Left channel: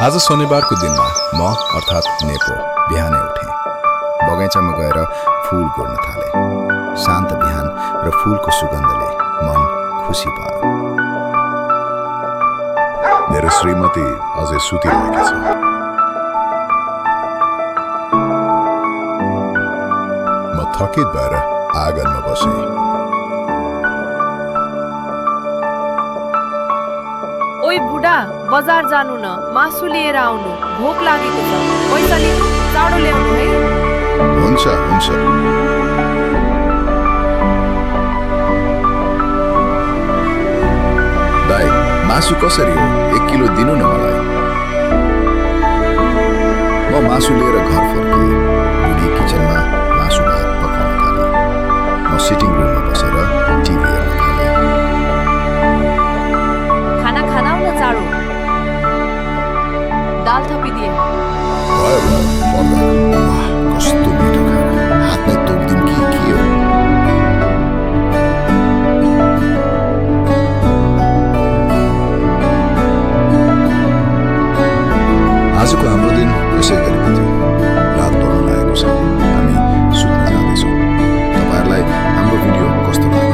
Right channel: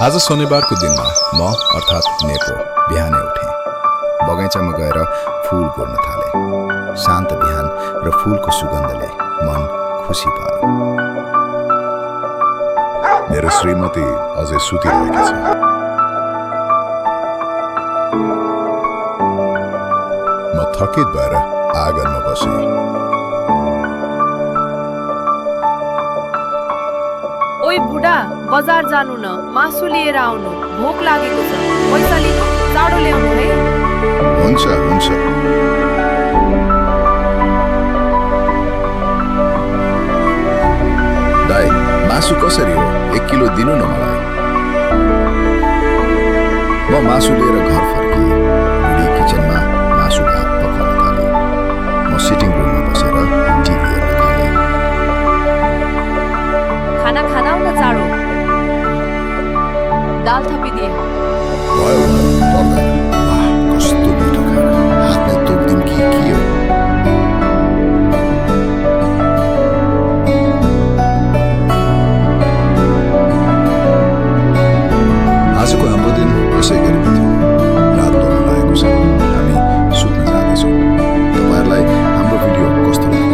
आज शनिबारको दिनमा म अर्थात् नेपो बिहानै उठेँ। बगैँचामा गएर फूल गोड्न थालेँ। शान्त बिहान र फूलको सुगन्धले मन खुसी भयो। मेरो श्रीमती अझै सुतिरहेकी छ। म थकित भएर आँगनमा बसेँ। ओइ बुढा, बजार जानु न, मासु लिएर आउनु, भोक लागेको छ। पैसा लिनु, चाँडो ल्याउनु है। हुन्छ हुन्छ। दाइ, मासु कसरी हो? 1 किलो दिनु न मलाई। म मासु लिएर घर फर्किएँ। बुढी किचनमा मासु भात पकाउन थाले। म सिटिङ रुममा बसेर टिभी हेर्न थालेँ। खाना खाना न चाँडो। दाल थपिदिए। भयो भयो, पर्दैन। वाह, कस्तो मिठो खाना। हातमै तोक्दिम कि के हो? आजको हाम्रो दिन यसै गरी बित्यो। रात पर्न लागेको छ। हामी सुत्न जाँदैछौँ। तपाईँहरूलाई हाम्रो भिडियो कस्तो लाग्यो?